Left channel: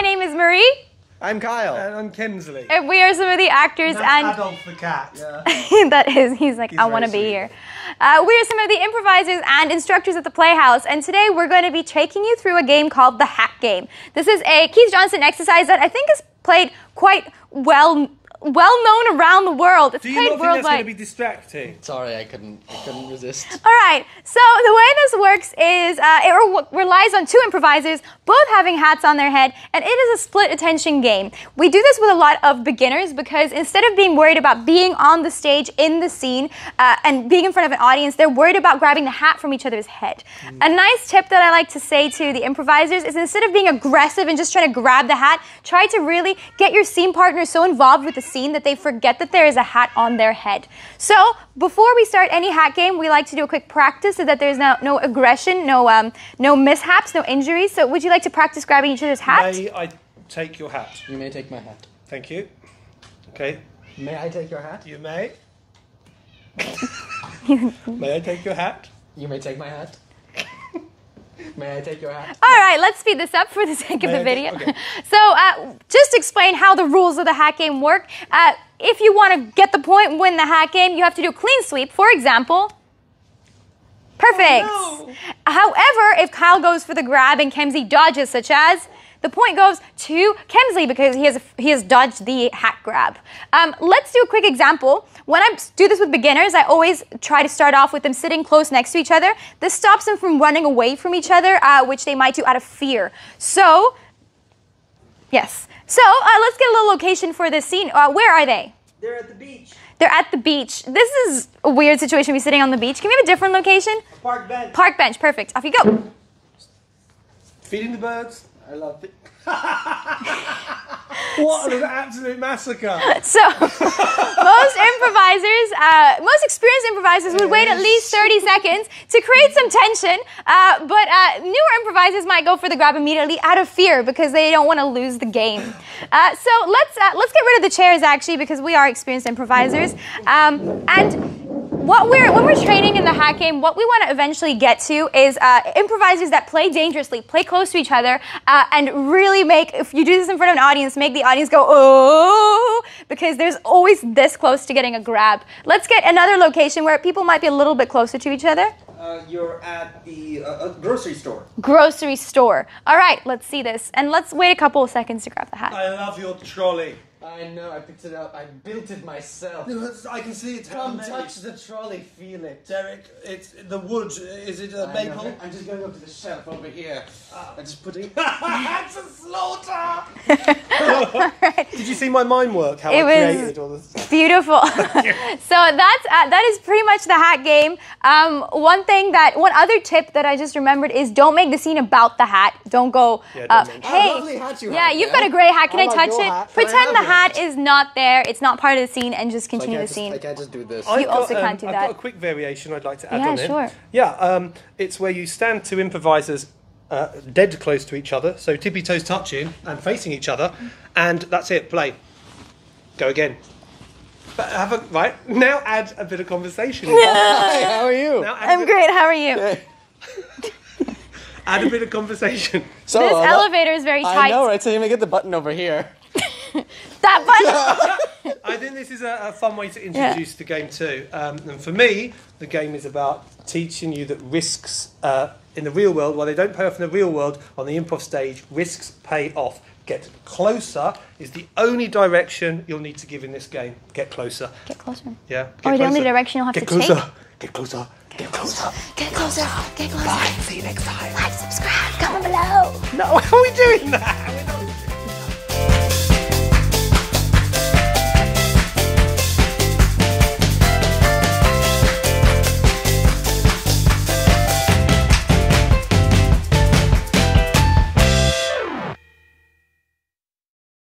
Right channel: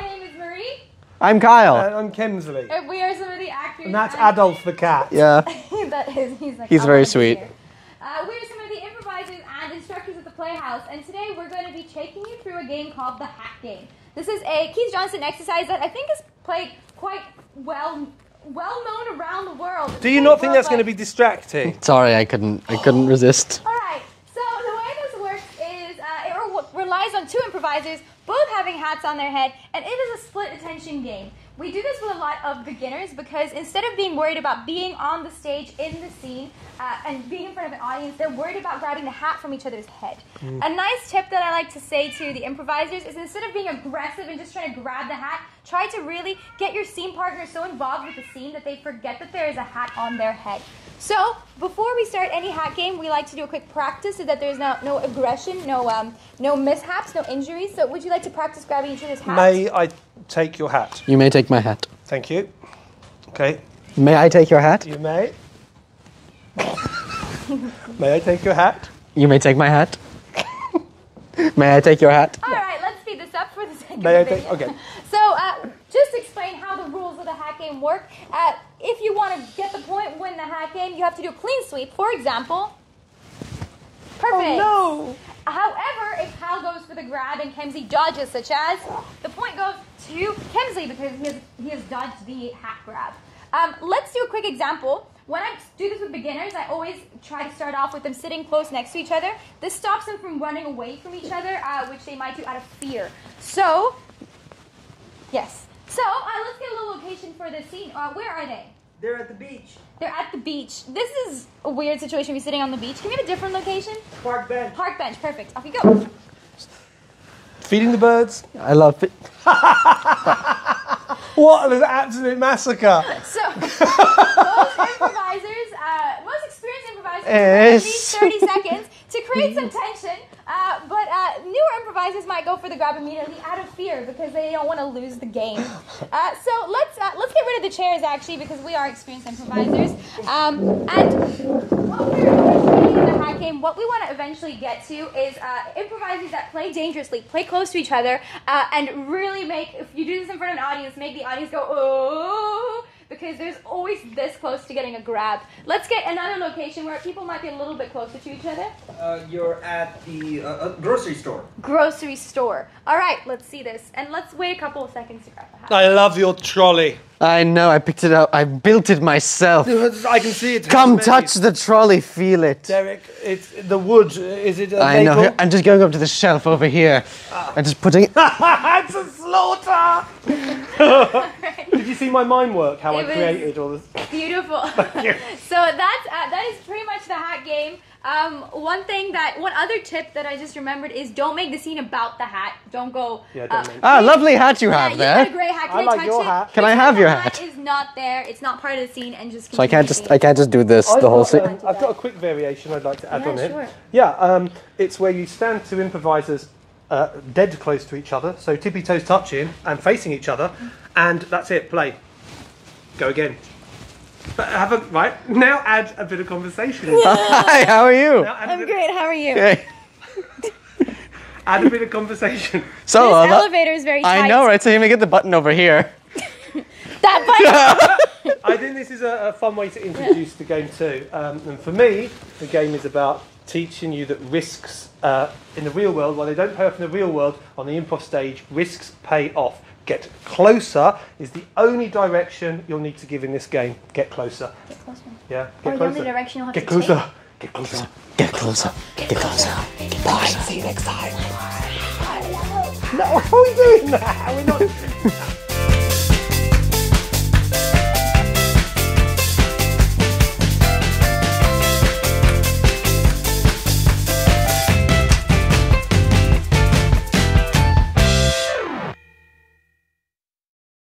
My name is Marie. I'm Kyle. And I'm Kemsley. And we are some of the actors. And that's Adolf the cat. Yeah. That is, he's like, I want to be here. We are some of the improvisers and instructors at the Playhouse, and today we're going to be taking you through a game called the Hat Game. This is a Keith Johnson exercise that I think is played quite well known around the world. Do you not think that's going to be distracting? Sorry, I couldn't resist. All right, so the way this works is it relies on two improvisers, both having hats on their head, and it is a split attention game. We do this with a lot of beginners because instead of being worried about being on the stage in the scene and being in front of an audience, they're worried about grabbing the hat from each other's head. A nice tip that I like to say to the improvisers is instead of being aggressive and just trying to grab the hat, try to really get your scene partner so involved with the scene that they forget that there is a hat on their head. So, before we start any hat game, we like to do a quick practice so that there's no aggression, no mishaps, no injuries. So, would you like to practice grabbing each other's hats? May I take your hat? You may take my hat. Thank you. Okay. May I take your hat? You may. May I take your hat? You may take my hat. May I take your hat? All right, let's speed this up for the sake of the video. Okay. So, just to explain how the rules of the hat game work, if you want to get the point and win the hat game, you have to do a clean sweep, for example. Perfect. Oh, no. However, if Kyle goes for the grab and Kemsley dodges, such as, the point goes to Kemsley because he has dodged the hat grab. Let's do a quick example. When I do this with beginners, I always try to start off with them sitting close next to each other. This stops them from running away from each other, which they might do out of fear. So, yes. So, let's get a little location for this scene. Where are they? They're at the beach. They're at the beach. This is a weird situation to be sitting on the beach. Can we have a different location? Park bench. Park bench, perfect. Off you go. Feeding the birds. I love it. What an absolute massacre. So, most experienced improvisers would wait at least 30 seconds to create some tension, but newer improvisers might go for the grab immediately out of fear because they don't want to lose the game. So let's get rid of the chairs actually because we are experienced improvisers. And when we're training in the hat game, what we want to eventually get to is improvisers that play dangerously, play close to each other, and really make, if you do this in front of an audience, make the audience go, oh, because there's always this close to getting a grab. Let's get another location where people might be a little bit closer to each other. You're at the grocery store. Grocery store. All right, let's see this. And let's wait a couple of seconds to grab the hat. I love your trolley. I know, I picked it up. I built it myself. I can see it. Come touch the trolley, feel it. Derek, it's the wood. Is it a I know. maple? I'm just going up to the shelf over here. I'm just putting it. It's a slaughter! Right. Did you see my mime work? How It I was created all this? beautiful. So that is pretty much the hat game. One other tip that I just remembered is don't make the scene about the hat. Don't go. Yeah, don't mention Ah, hey, lovely hat you have Yeah, there. you've got a great hat. Can I like touch your it? hat. Can I Pretend have the your hat hat? is not there. It's not part of the scene, and just So I continue the scene. can't just do this the whole scene. can't do I've that. got a quick variation I'd like to add Yeah, on it. sure. Yeah, it's where you stand two improvisers dead close to each other, so tippy toes touching and facing each other, and that's it. Play. Go again. But right now, add a bit of conversation. Hi, how are you? I'm great. How are you? Okay. Add a bit of conversation. So, This elevator is very tight. I know, right? So you may get the button over here. That button. I think this is a fun way to introduce the game too. And for me, the game is about teaching you that risks in the real world, while they don't pay off in the real world, on the improv stage, risks pay off. Get closer is the only direction you'll need to give in this game. Get closer. Get closer. Yeah. Or Get the closer. only direction you'll have Get to closer. take. Get closer. Get closer. Get closer. Bye. See you next time. Like, subscribe, comment below. No, how are we doing that?